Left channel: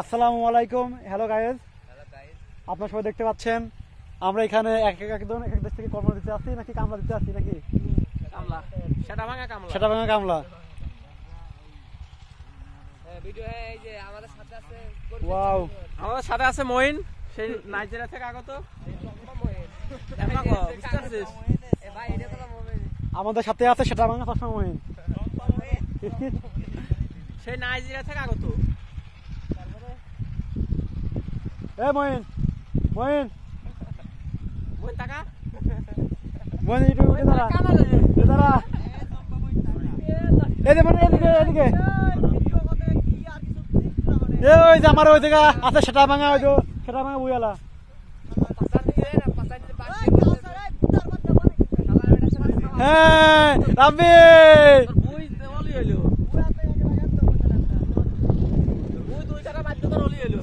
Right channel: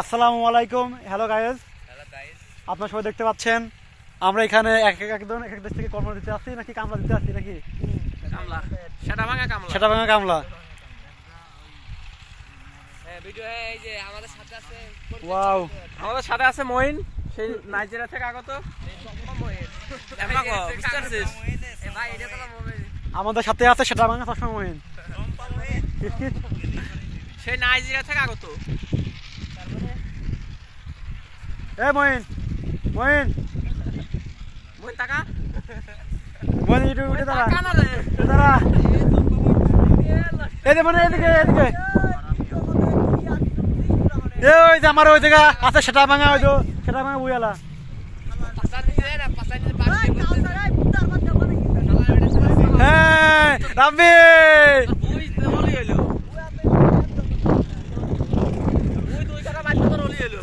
আসসালামু আলাইকুম। Hello guys, আপনারা সবাই দেখতে পাচ্ছেন আমরা এখানে একজন এক এক দেশ থেকে কর্ম দিতে আসছি নাকি কামলা দিতে আসছি নাকি কামলা সেটা ভাঙা কামলা কামলা। ভিডিও এই যে আমাদের সাথে আছে ওয়াও, আমাদের সাথে আছে মঈন, সেই নাইজেরিয়া থেকে আগত মঈন। দেখো বুঝতে পারছিস এ ভাই এটা তো মঈন আমাদের সাথে আছে সেটা ভাঙা চশমা মহিন, সেই নাইজেরিয়া থেকে আগত। এ মহিন মহিন মঈন টাকা মহিন একটু উঠে দাঁড়া, টাকা না রে উঠে দাঁড়া। এই যে মানে এদিকে এদিকে ওই যে আমার ওই জায়গা আছে সেটা ভাঙা, ওই তো সেটা ভাঙা বুঝালা। হ্যাঁ রাব্বি টাকা বাদ তোর হলি এলো